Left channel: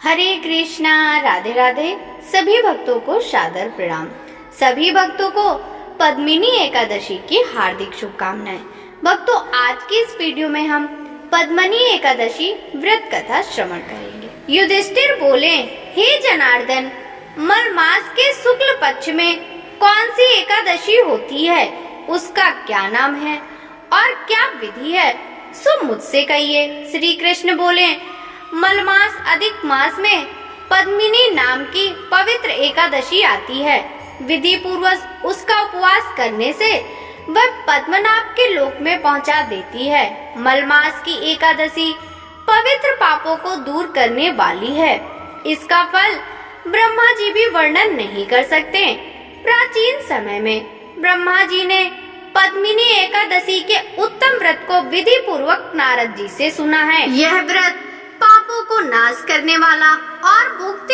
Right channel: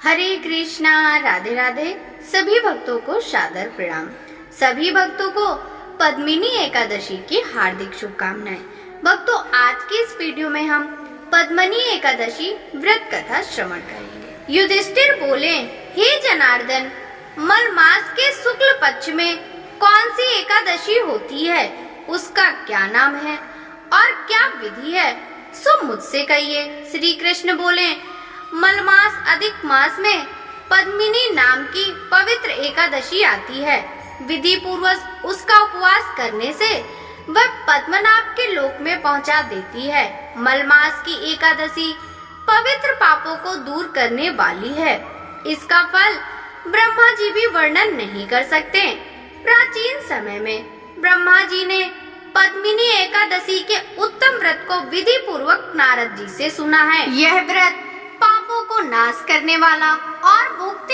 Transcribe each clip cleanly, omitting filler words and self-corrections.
हरे कृष्णा, राधे राधे। सभी भक्तों को सादर प्रणाम। सभी भक्तों को पद्मिनी एकादशी की हार्दिक शुभकामनाएं। भक्तों, आज की इस वीडियो में हम पद्मिनी एकादशी व्रत कथा श्रवण करेंगे। युधिष्ठिर बोले, हे जनार्दन, मल मास के शुक्ल पक्ष में कौन सी एकादशी होती है, उसका क्या नाम है और क्या विधि है, सो मुझसे कहिए। श्री कृष्ण बोले, मलमास अधिक मास में पद्मिनी नाम की पवित्र एकादशी आती है। विधि पूर्वक उसका उपवास करने से वह पद्मनाभ के लोक में पहुंचा देती है। मलमास की एकादशी पवित्र पापों को दूर करने वाली है। इसका फल ब्रह्मा जी भी वर्णन नहीं कर सकते। प्राचीन समय में ब्रह्मा जी ने पद्मिनी एकादशी के उत्तम व्रत को विधि पूर्वक नारद जी से सुना है। यह व्रत पापों को नाश करने वाला और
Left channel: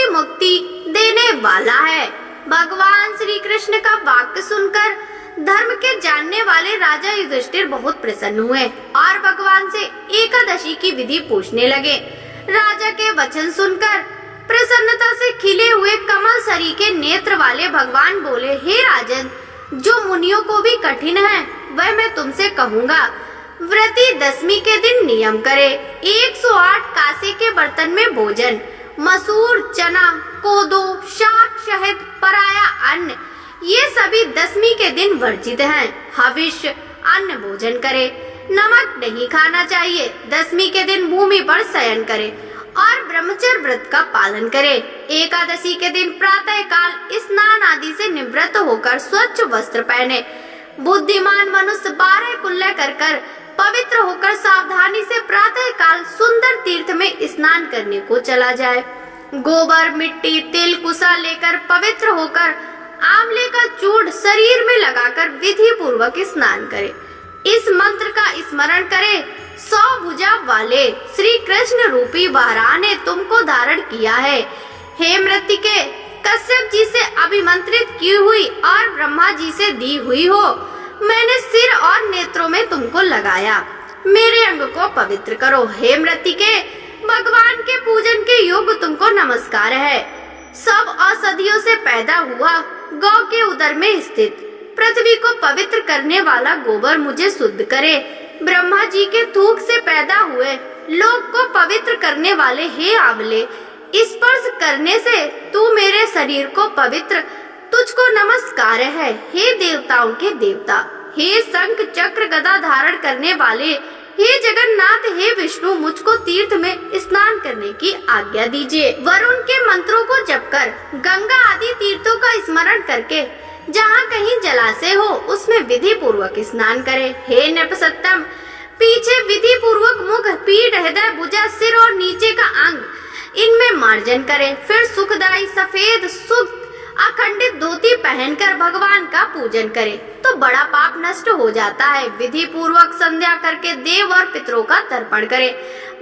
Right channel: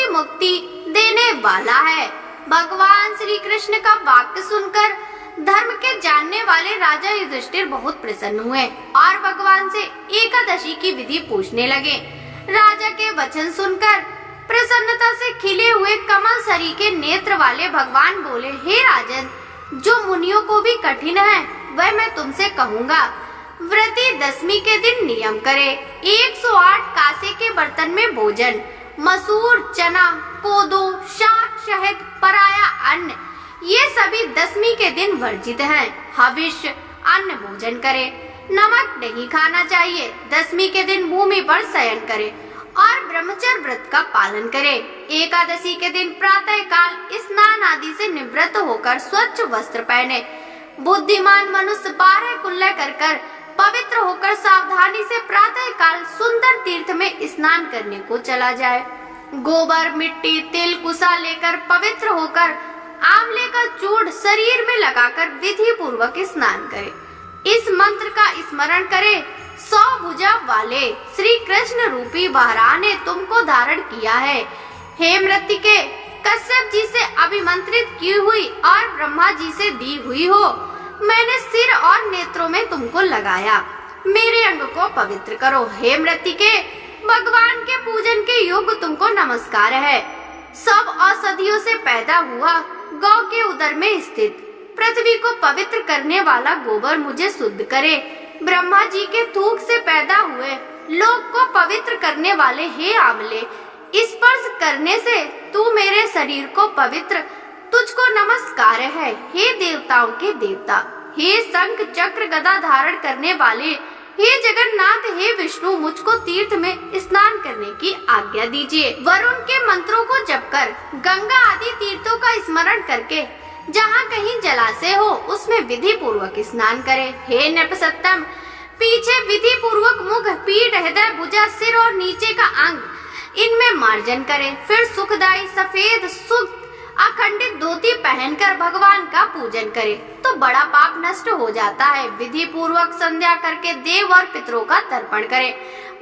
मुक्ति देने वाला है। भगवान श्री कृष्ण का वाक्य सुनकर धर्म के जानने वाले राजा युधिष्ठिर बहुत प्रसन्न हुए और भगवान से एकादशी की विधि पूछने लगे। राजा के वचन सुनकर प्रसन्नता से खिले हुए कमल सरी के नेत्र वाले भगवान बोले, हे राजन, जो मुनियों को भी कठिन है वह मैं तुमसे कहूँगा। व्रती दशमी के दिन नियम करे। 108 कांसे के बर्तन में भोजन, मसूर, चना, कोदो, शाक, शहद, पराया अन्न, ये सभी दशमी के दिन वर्जित हैं। हविष्य अन्न भोजन करे। नमक नहीं खाना चाहिए। दशमी के दिन भूमि पर शयन करे और ब्रह्मचर्य व्रत का पालन करे। एकादशी के दिन प्रातः काल स्नान आदि से निवृत्त होकर स्वच्छ वस्त्र पहने। बुद्धिमान मनुष्य 12 कुल्ले कर पवित्र होकर सावधानी से प्रातः काल सुंदर तीर्थ में स्नान करने को चला जाए। गोबर, मिट्टी, तिल, कुसा लेकर पवित्र होकर आंवले का चूर्ण शरीर में लगाकर विधि पूर्वक स्नान करे। इस मंत्र का स्मरण करे। 100 भुजा वाले श्री कृष्ण रूपी वाराह ने तुमको धारण किया है। हे मृत्तिके, कश्यप जी से अभिमंत्रित की हुई और ब्रह्मा जी से दी हुई हो, मैंने सिर और नेत्रों में तुमको लगाया। मेरे अंग को पवित्र करो। हे मृत्तिके, भगवान के पूजन के योग्य तुमको नमस्कार है। सब औषधियों से पैदा हुआ गौ के उदर में स्थित पृथ्वी को पवित्र करने वाला गोबर मुझे शुद्ध करे। ब्रह्मा जी के थूक से पैदा हुए लोक को पवित्र करने वाले हे आंवले, स्पर्श करने से तू मेरे शरीर को पवित्र, तुझको नमस्कार है। हे देवताओं के देवता, हे शंख चक्र गदा धारण करने वाले, हे जगन्नाथ, हे विष्णु, मुझको तीर्थ में स्नान करने की आज्ञा दीजिए। वरुण के मंत्रों को जपकर गंगा आदि तीर्थों का स्मरण करके जहाँ कहीं जलाशय हो उसमें विधि पूर्वक स्नान करे। हे नपुंसकतम, पीछे विधि पूर्वक मुख, पीठ, हृदय, भुजा, सिर और नीचे का अंग, इनमें मार्जन करे। फिर सुखदायी सफेद सुख अखंडित धोती पहनकर भगवान का पूजन करे तो बड़ा पाप नष्ट हो जाता है। विधि पूर्वक संध्या करके देव और पितरों का तर्पण करे।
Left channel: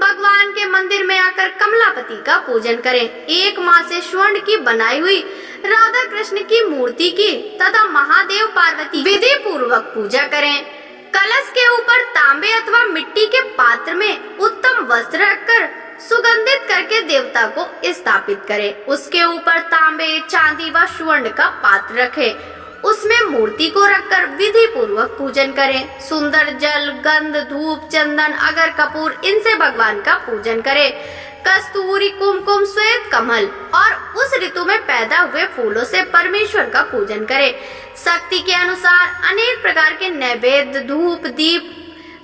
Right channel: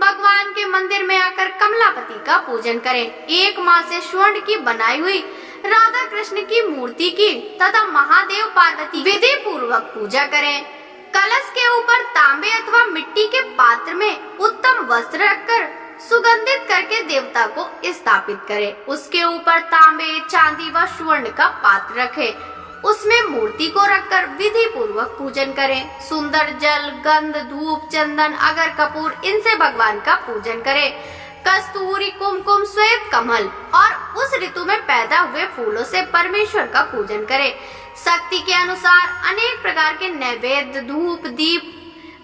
भगवान के मंदिर में आकर कमलापति का पूजन करें। 1 माह से स्वर्ण की बनाई हुई राधा कृष्ण की मूर्ति की तथा महादेव पार्वती विधि पूर्वक पूजा करें। कलश के ऊपर तांबे अथवा मिट्टी के पात्र में उत्तम वस्त्र रखकर सुगंधित करके देवता को स्थापित करें। उसके ऊपर तांबे, चांदी व स्वर्ण का पात्र रखें। उसमें मूर्ति को रखकर विधि पूर्वक पूजन करें। सुंदर जल, गंध, धूप, चंदन, अगर, कपूर, इनसे भगवान का पूजन करें। कस्तूरी, कुमकुम, श्वेत कमल और उस ऋतु में पैदा हुए फूलों से परमेश्वर का पूजन करें। शक्ति के अनुसार अनेक प्रकार के नैवेद्य, धूप, दीप,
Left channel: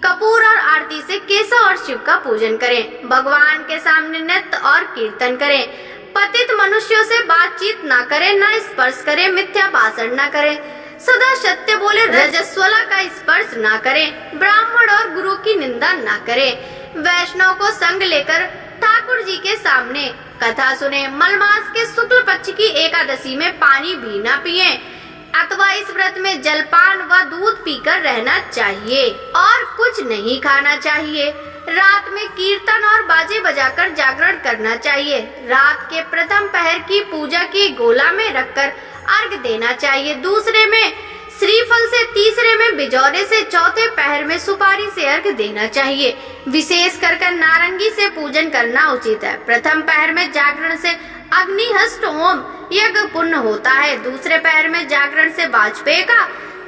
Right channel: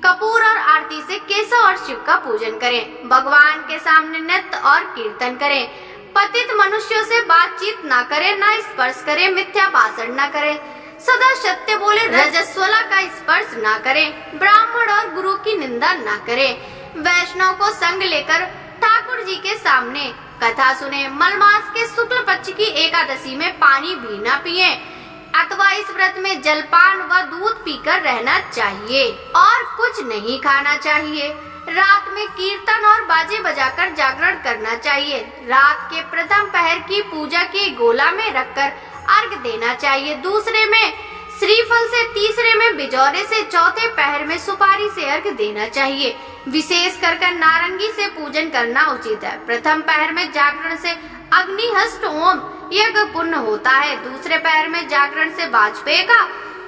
कपूर और आरती से केशव और शिव का पूजन करें। भगवान के सामने नृत्य और कीर्तन करें। पतित मनुष्यों से बातचीत न करें, न स्पर्श करें, मिथ्या भाषण न करें, सदा सत्य बोले, रजस्वला का स्पर्श न करें, ब्राह्मण और गुरु की निंदा न करें। वैष्णव को संग लेकर ठाकुर जी के सामने कथा सुने। मलमास के शुक्ल पक्ष की एकादशी में पानी भी न पिए अथवा इस व्रत में जलपान व दूध पीकर रहना चाहिए और कुछ नहीं खाना चाहिए। रात में कीर्तन और बाजे बजाकर जागरण करना चाहिए। रात के प्रथम पहर की पूजा की गोला में रखकर अर्घ देना चाहिए। दूसरे में श्रीफल से तीसरे में, बिजौरे से चौथे पहर में सुपारी से अर्घ देना चाहिए। विशेष कर नारंगी से पूजन करना उचित है। प्रथम पहर में जागरण से अग्निहस्त होम यज्ञ पुण्य होता है। दूसरे पहर में जागरण से वाजपेय का,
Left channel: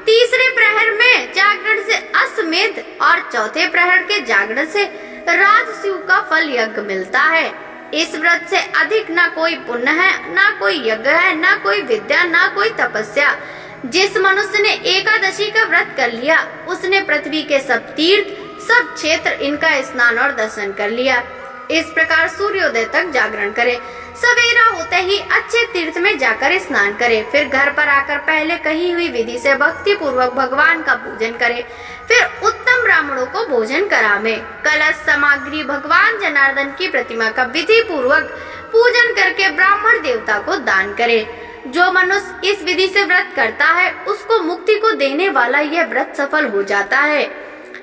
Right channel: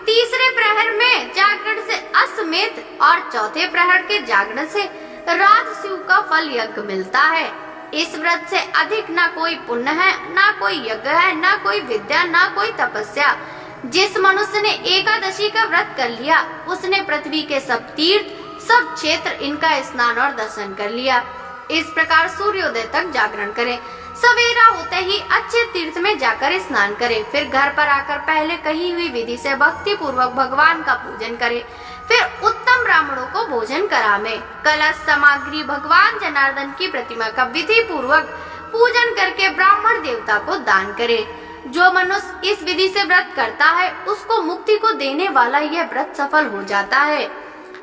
तीसरे प्रहर में जागरण से अश्वमेध और चौथे प्रहर के जागरण से राजसूय का फल यज्ञ मिलता है। इस व्रत से अधिक न कोई पुण्य है, न कोई यज्ञ है, न कोई विद्या, न कोई तपस्या। जिस मनुष्य ने एकादशी का व्रत कर लिया, उसने पृथ्वी के सब तीर्थ, सब क्षेत्र, इनका स्नान और दर्शन कर लिया। इस प्रकार सूर्योदय तक जागरण करें। सवेरा होते ही अच्छे तीर्थ में जाकर स्नान करें। फिर घर पर आकर पहले कही हुई विधि से भक्ति पूर्वक भगवान का पूजन करें। फिर उत्तम ब्राह्मणों को भोजन करावें। कलश सामग्री भगवान जनार्दन की प्रतिमा का विधि पूर्वक पूजन करके ब्राह्मण देवता को दान करे। जो मनुष्य इस विधि से व्रत करता है, उसको मुक्ति को देने वाला यह व्रत सफल हो जाता है।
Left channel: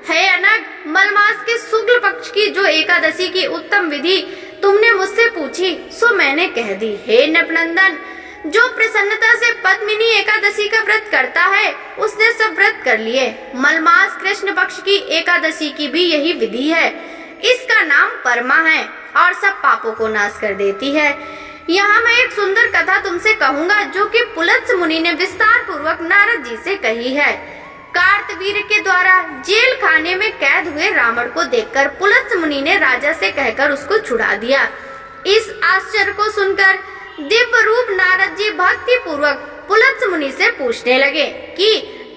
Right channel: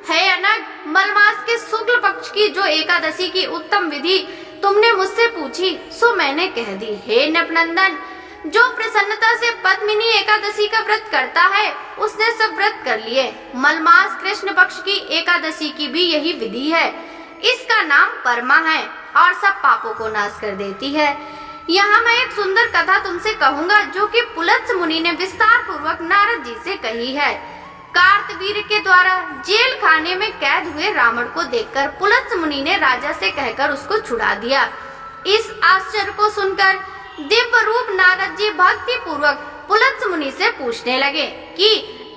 हे अनग, मलमास के शुक्ल पक्ष की जो एकादशी की उत्तम विधि तुमने मुझसे पूछी, सो मैंने कह दी। हे नृपनंदन, जो प्रसन्नता से पद्मिनी एकादशी का व्रत करता है, उसने सब व्रत कर लिए। मलमास कृष्ण पक्ष की एकादशी की भी यही विधि है। इसका नाम परमा है और सब पापों को नाश कर देती है। यहाँ मैं एक सुंदर कथा तुमसे कहूँगा, जो कि पुलत्स्य मुनि ने विस्तार पूर्वक नारद जी से कही है। कार्तवीर के द्वारा जेल खाने में कैद हुए रावण को देखकर पुलत्स्य मुनि ने राजा से कहकर उसको छुड़ा दिया। इस आश्चर्य को सुनकर दिव्य रूप नारद जी भक्ति पूर्वक पुलत्स्य मुनि से पूछने लगे कि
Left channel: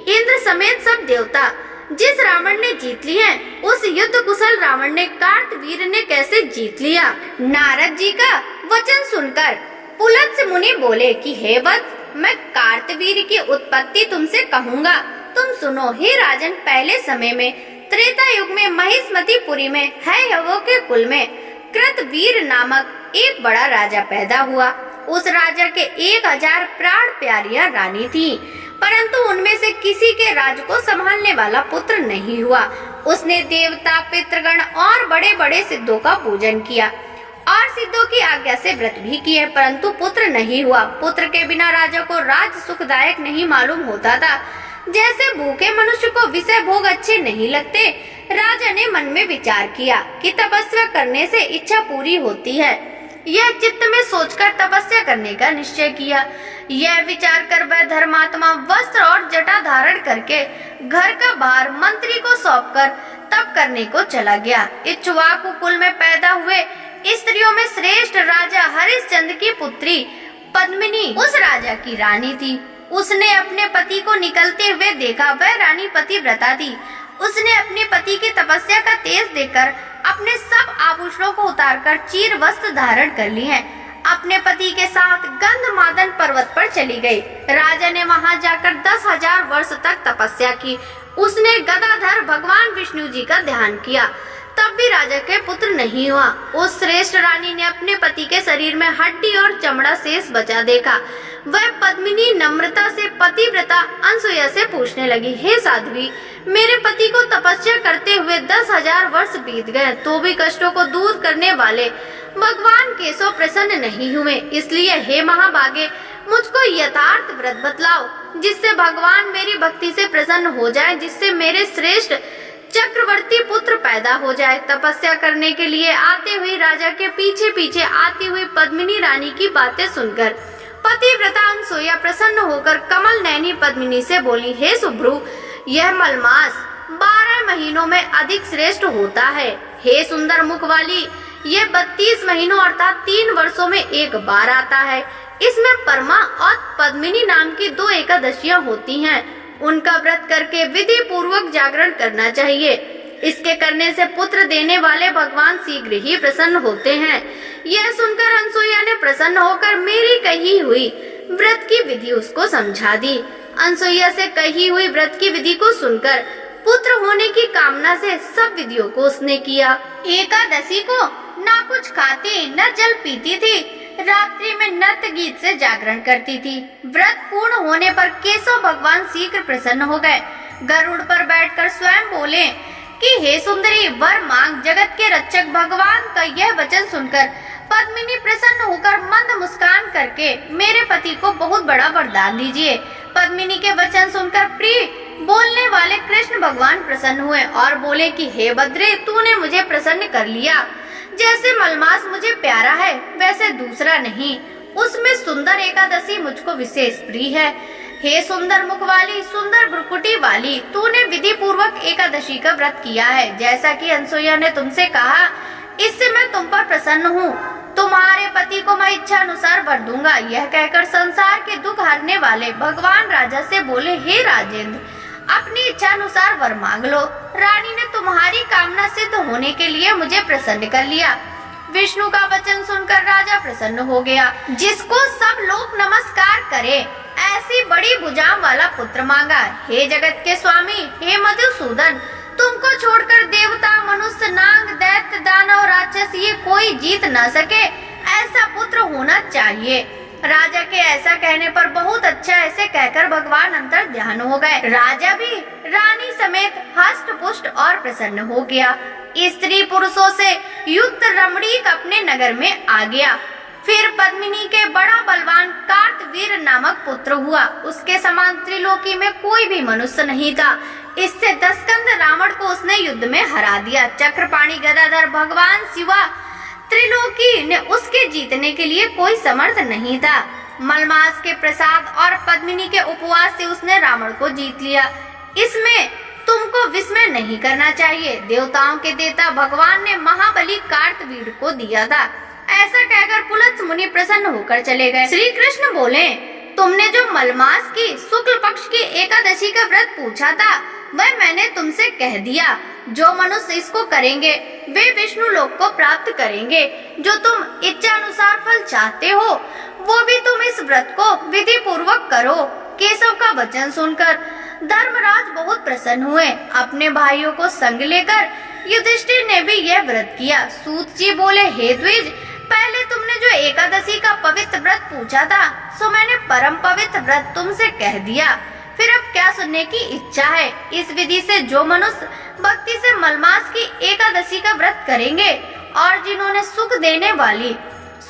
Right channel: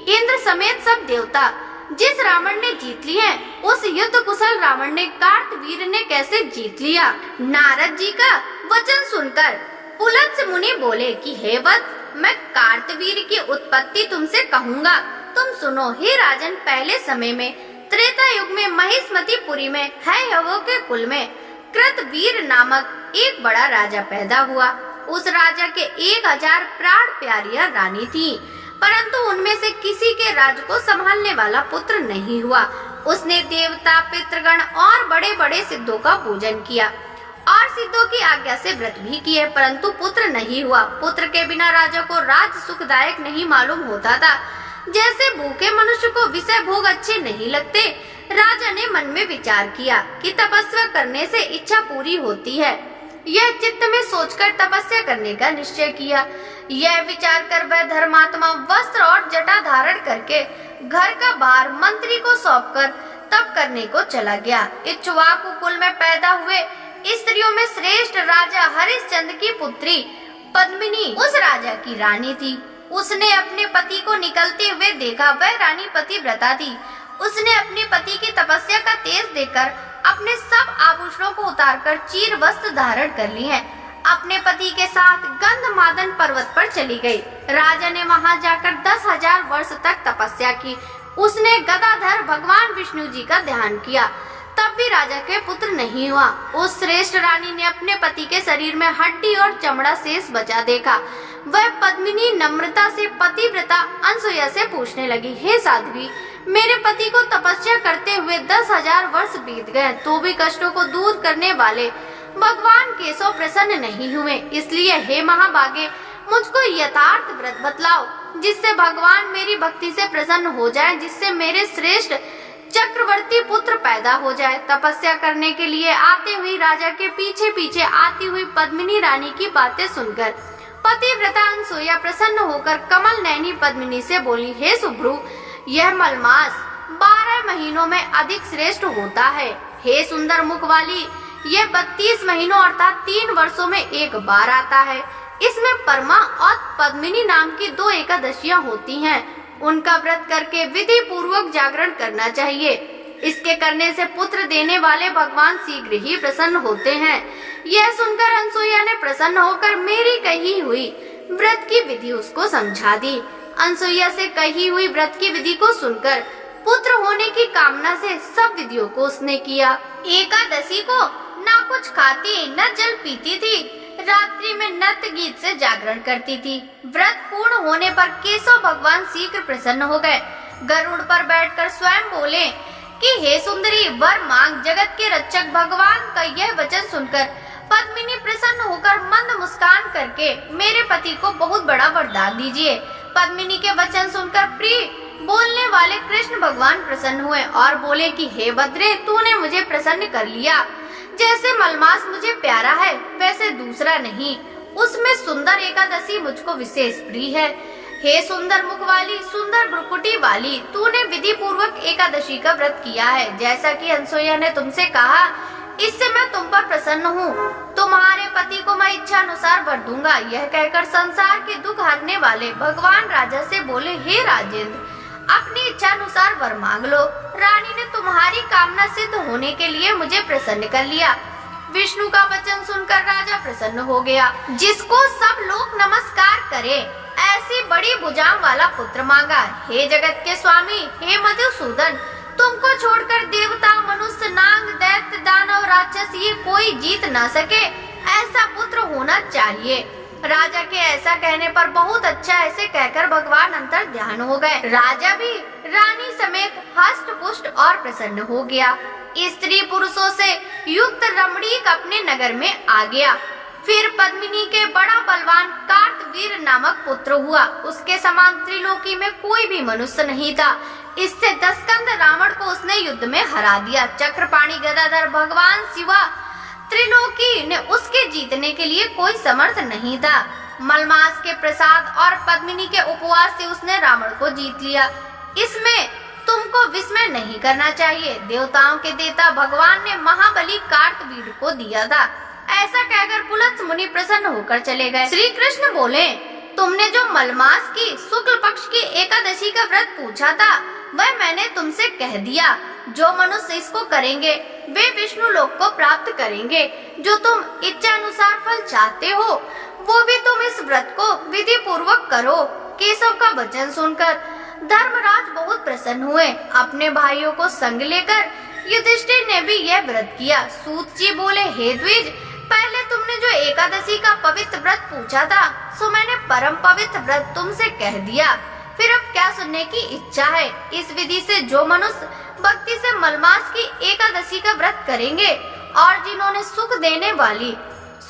इंद्र समेत सब देवता जिस रावण ने जीत लिए, उस युद्ध कुशल रावण ने कार्तवीर ने कैसे जीत लिया। नारद जी का वचन सुनकर पुलत्स्य मुनि बोले कि हे वत्स, मैं कार्तवीर की उत्पत्ति तुमसे कहूँगा, तुम सुनो। हे राजन, पहले समय में त्रेता युग में महिष्मतीपुरी में हयवों के कुल में कृतवीर नामक एक बड़ा राजा पैदा हुआ। उस राजा के 1000 प्राण प्यारियां रानी थी, परंतु उनमें से किसी के राज को संभालने वाला पुत्र नहीं हुआ। उसने देवता, पितृगण और बड़े बड़े सिद्धों का पूजन किया और सिद्धों की आज्ञा से व्रत भी किए, परंतु पुत्र नहीं हुआ। पुत्र के बिना राजा को राज सुखदायक नहीं मालूम होता था। जैसे भूखे मनुष्य को विषय भोग अच्छे नहीं लगते, राजा ने मन में विचार किया कि तपस्या करने से इच्छा पूरी होती है। यह चित्त में सोचकर तपस्या करने का निश्चय किया। यह विचार कर वह धर्मात्मा वस्त्र और जटा धारण करके घर का भार मंत्री को सौंपकर तप करने को चला गया। इक्ष्वाकु कुल में पैदा हुए स्त्रियों में श्रेष्ठ राजा हरिश्चंद्र की पुत्री पद्मिनी उस राजा की रानी थी। उसने अपने पति को निकलते हुए देखा। वह रानी पतिव्रता थी। उसने अपने पति की तपस्या का तेज देखकर अपने सब आभूषणों को उतारकर चीर वस्त्र धारण कर लिए, अपने पति के साथ गंधमादन पर्वत पर चली गई। राजा ने वहां जाकर 10,000 वर्ष तक तपस्या की। उसने गदाधर भगवान विष्णु जी का ध्यान किया, तब भी राजा के पुत्र नहीं हुआ। उस श्रेष्ठ रानी ने अपने पति के शरीर में हड्डी और चमड़ा शेष बचा देखा। वह पद्मिनी नम्रता से पतिव्रता अनसुया से पूछने लगी, हे साध्वी, मेरे पति को तपस्या करते हुए 10,000 वर्ष बीत गए, तो भी कष्टों को दूर करने वाले भगवान केशव प्रसन्न नहीं हुए। इसलिए हे महाभागे, मुझको यथार्थ व्रत बतलाओ, जिससे भगवान मेरी भक्ति से प्रसन्न हो जाए, जिससे मेरे श्रेष्ठ चक्रवर्ती पुत्र पैदा हो जाए। तपस्या करने के लिए आते हुए राजा के पीछे पीछे आती हुई पद्मिनी रानी की बातें सुनकर पतिव्रता अनसुया प्रसन्न होकर कमल नयनी पद्मिनी से बोली, हे सुभ्रु, यह मलमास 12 महीनों में अधिक श्रेष्ठ होता है। हे सुंदर मुख वाली, यह 32 महीनों अर्थात 3 वर्षों में एक बार आता है। इसमें परमा और पद्मिनी नाम की 2 एकादशियां होती हैं। उनका व्रत करके विधि पूर्वक जागरण करना चाहिए। इसके करने से पुत्र देने वाले भगवान शीघ्र ही प्रसन्न होते हैं। यह सुनकर अनसुया ने प्रसन्न होकर मेरी कही हुई व्रत की विधि उसको समझा दी। अनसुया से कही हुई व्रत की विधि को सुनकर पुत्र होने की कामना से सब विधियों को उसने किया। एकादशी को न कुछ खाती न जल पीती थी। रात्रि में नृत्य गीत से जागरण करती थी। व्रत पूर्ण होने पर केशव भगवान शीघ्र प्रसन्न हो गए। गरुड़ पर बैठकर स्वयं बोले कि हे सुंदरी, वर मांग। जगत के रक्षक भगवान का यह वचन सुनकर पद्मिनी प्रसन्न होकर मंद मुस्कान करके मेरे पति को बहुत बड़ा वरदान दीजिए। पद्मिनी के वचन सुनकर प्रिय बोलने वाले कृष्ण भगवान प्रसन्न हुए और बोले कि हे बद्रे, तूने मुझे प्रसन्न कर लिया। जैसे मलमास मुझे प्यारा है वैसे दूसरा नहीं, उसमें सुंदर एकादशी मुझको विशेष प्रिय है। हे सुंदर मुख वाली, सुंदर भ्रुकुटी वाली, तूने विधि पूर्वक एकादशी का व्रत किया है, जैसा कि अनसुईया ने तुमसे कहा, इससे मैं तुम पर प्रसन्न हूँ। तुम्हारे पति को मैं इच्छा अनुसार वर दूंगा। यह कहकर संसार के दुख हरने वाले भगवान राजा से बोले, हे राजेंद्र, अपनी इच्छा अनुसार वर मांग लो। रानी ने तुम्हारी कामना सिद्ध होने के लिए मुझे प्रसन्न कर लिया। विष्णु का वचन सुनकर राजा प्रसन्न हो गया। जिसको सब लोग नमस्कार करे ऐसी बड़ी भुजाओं वाला पुत्र मांगा। हे जगत के स्वामी, हे मधुसूदन, तुमको छोड़कर देवता, मनुष्य, नाग, दैत्य, दानव, राक्षस ये कोई जीत न सके, ऐसा पुत्र होना चाहिए। राजा के ऐसा कहने पर बहुत अच्छा ऐसे कहकर भगवान अंतर ध्यान हो गए। राजा भी रानी समेत हष्ट पुष्ट और प्रसन्न हो गया। स्त्री पुरुषों से युक्त रमणीक अपने नगर में आ गया। फिर पद्मिनी के बड़ा बलवान कार्तवीर नामक पुत्र हुआ। उसके समान त्रिलोकी में कोई भी मनुष्य नहीं था। इससे दशकंध रावण को उसने युद्ध में हरा दिया। चक्रपाणी गदाधर भगवान शिवा त्रिलोकी ने उसके जीतने के लिए कोई समर्थ नहीं था। मलमास के प्रसाद और पद्मिनी के उपवास से उसने रावण को जीत लिया। इसमें तुमको विस्मय नहीं करना चाहिए। देवताओं के देवता भगवान ने महाबली कार्तवीर को दिया था। ऐसा कहकर पुलत्स मुनि प्रसन्न होकर चले गए। श्री कृष्ण बोले, तुमने जो मलमास की शुक्ल पक्ष की एकादशी का व्रत पूछा था वह मैंने तुमसे कह दिया। जो मनुष्य इसको करेंगे वे विष्णु लोक को प्राप्त करेंगे। जो तुम इच्छा अनुसार फल चाहते हो वो भी तुम इस व्रत को विधि पूर्वक करो। केशव का वचन सुनकर धर्मराज बहुत प्रसन्न हुए। अपने भाइयों को संग लेकर युधिष्ठिर ने भी यह व्रत किया। सूत जी बोले, हे द्विज, पहले तुमने जो एकादशी का पवित्र व्रत पूछा था सो मैंने परम पवित्र व्रत तुमसे कह दिया। फिर अब क्या सुनने की इच्छा है? इस विधि से जो मनुष्य भक्ति से मलमास की एकादशी का व्रत करेंगे और जिन्होंने सुख देने वाली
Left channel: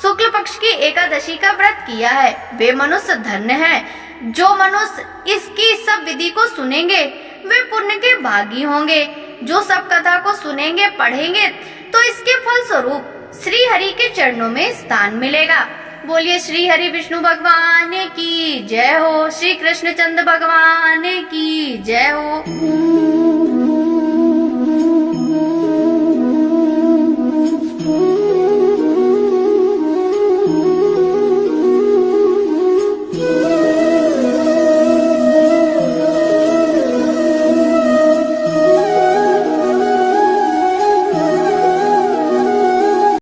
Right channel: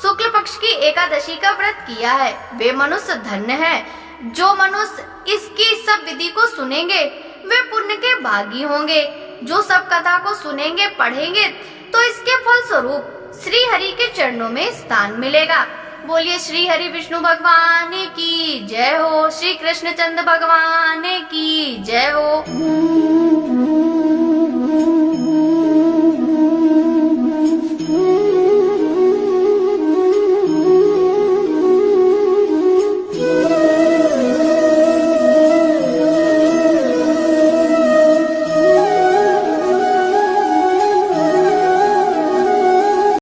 शुक्ल पक्ष की एकादशी का व्रत किया है वे मनुष्य धन्य हैं। जो मनुष्य इसकी सब विधि को सुनेंगे वे पुण्य के भागी होंगे। जो सब कथा को सुनेंगे पढ़ेंगे तो इसके फल स्वरूप श्री हरि के चरणों में स्थान मिलेगा। बोलिए श्री हरि विष्णु भगवान की जय हो। श्री कृष्ण चंद्र भगवान की जय हो।